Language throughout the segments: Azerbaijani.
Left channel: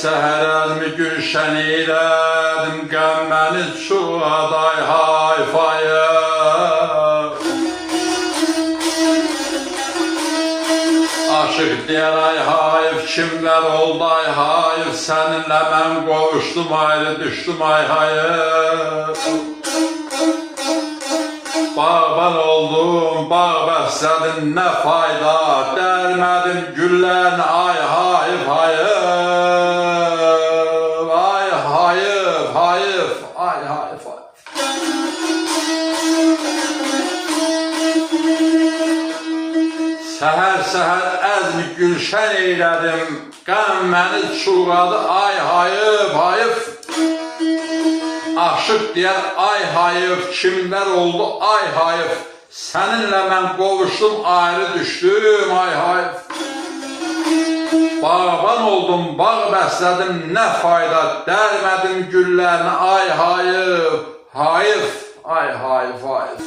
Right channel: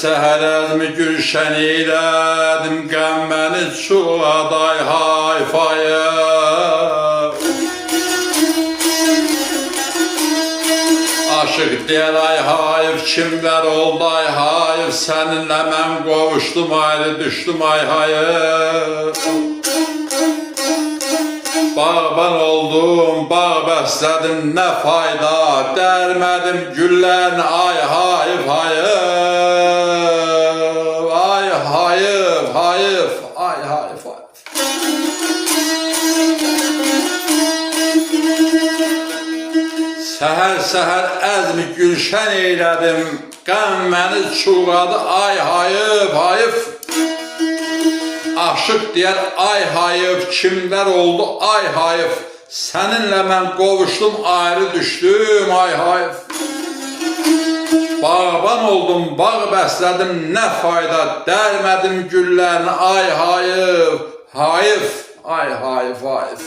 Səhər əzmi gülşən eylədim, qəm məni çuğaday hayfaya. Aşıq deyər ay hayf, kimlər oldu ay hayf, səninlə mən qovuşdum ayrı düşdüm ay hayf. Bağban oldum, bağ bəslədim, nə fayda, dərmədim güllərini ay hayf hayf. Ay hayf hayf, ay hayf hayf. Səhər əzmi gülşən eylədim, qəm məni çuğadı ay hayf hayf. Aşıq deyər ay hayf, kimlər oldu ay hayf, səninlə mən qovuşdum ayrı düşdüm ay hayf. Bağban oldum, bağ bəslədim, nə fayda, dərmədim güllərini ay hayf hayf, ay hayf hayf.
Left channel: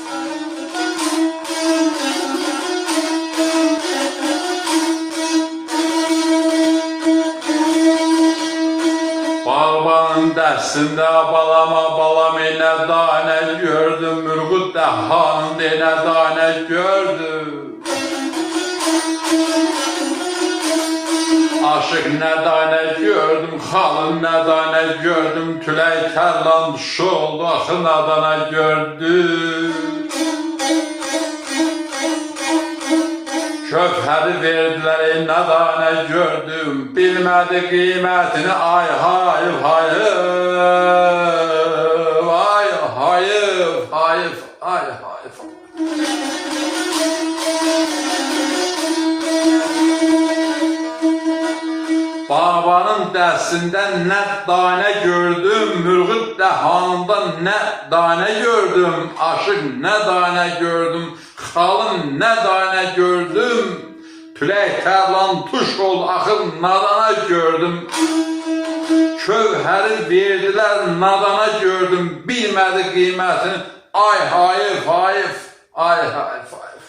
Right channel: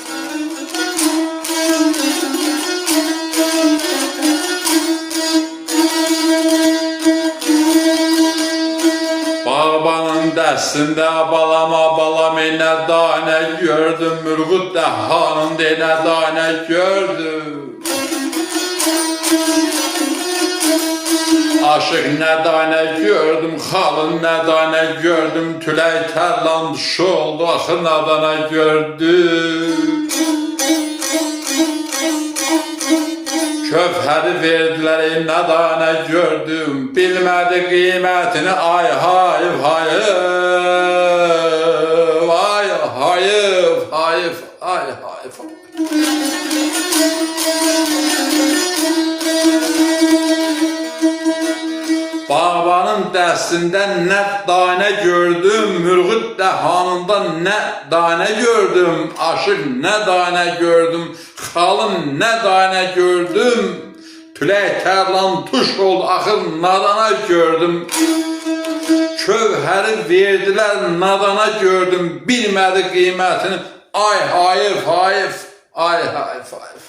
Bağbanın dəstində balama balam nə danə gördüm, Mürğud Dəhanın nə danə gördüm. Aşıq nə danə gördüm, xalın nə danə gördüm, Tülək tərlan düşü oldu, axı nə danə gördüm. Köfhəri verdilər, nə danə gördüm, bilmədi qiymətini ay hayf hayf. Ay hayf hayf, ay hayf. Bağbanın dəstində nə danə gördüm, Mürğud Dəhanında nə danə gördüm, Aşıq nə danə gördüm, xalım nə danə gördüm, Tülək tərlan tuş oldu, axır nadana gördüm. Kövhəri verdilər, nadana gördüm, bilmədi qiymətini ay hayf hayf, ay hayf hayf.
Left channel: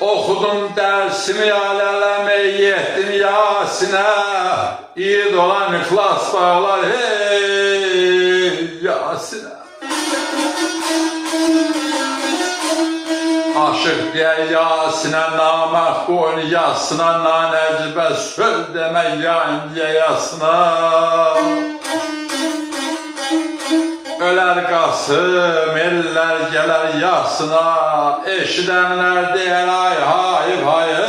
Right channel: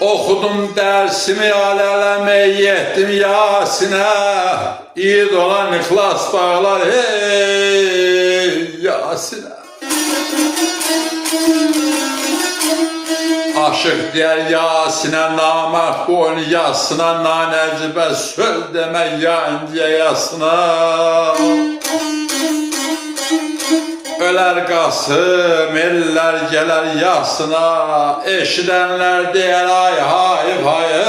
Oxudum dərsimi aləmə, yetdim Yasinə, İyid olan ixlas bağlar hey Yasinə. Aşıq deyər Yasinə, namərd boynu yasına, nanəcibə söz demək yayıncıya yasına. Ölər Qasım, ellər gələr yasına, eşidənlər deyər ay hayf hayf.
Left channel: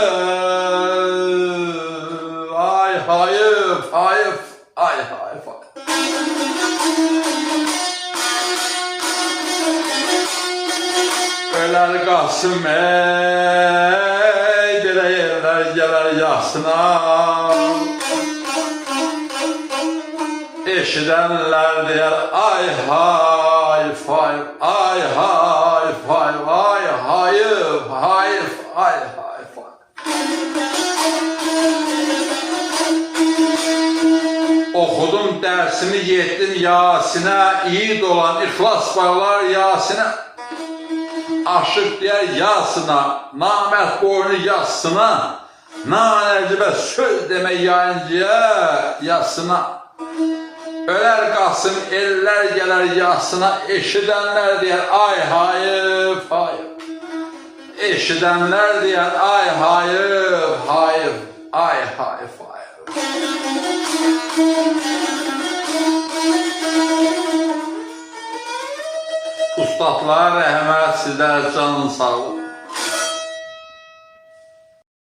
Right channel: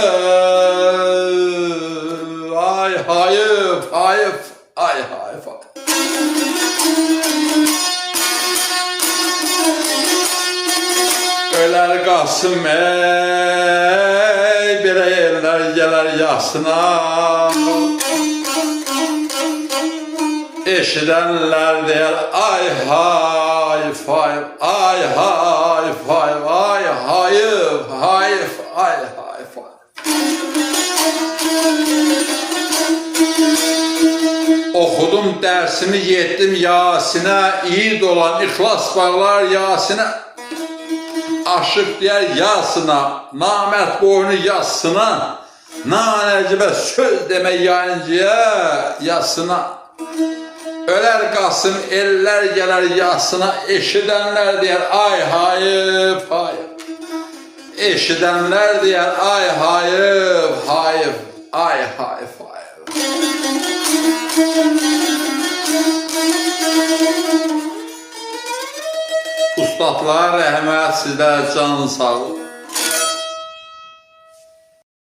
Ay hayf hayf, ay hayf hayf. Ölər Qasım, ey belə ellər gələr yasına, eşidənlər deyər ay hayf hayf, ay hayf hayf, ay hayf hayf, ay hayf hayf. Oxudum dərsimi, yetdim Yasinə, İyid olan ixlas bağlar Yasinə. Aşıq deyər yasına, namərd boynu yasına, nanəcibə söz demək yayıncıya yasına. Ölər Qasım, ellər gələr yasına, eşidənlər deyər ay hayf hayf. Eşidənlər deyər ay hayf hayf, ay hayf hayf. Ustadlar rəhmət, sizlər canın sağ olun.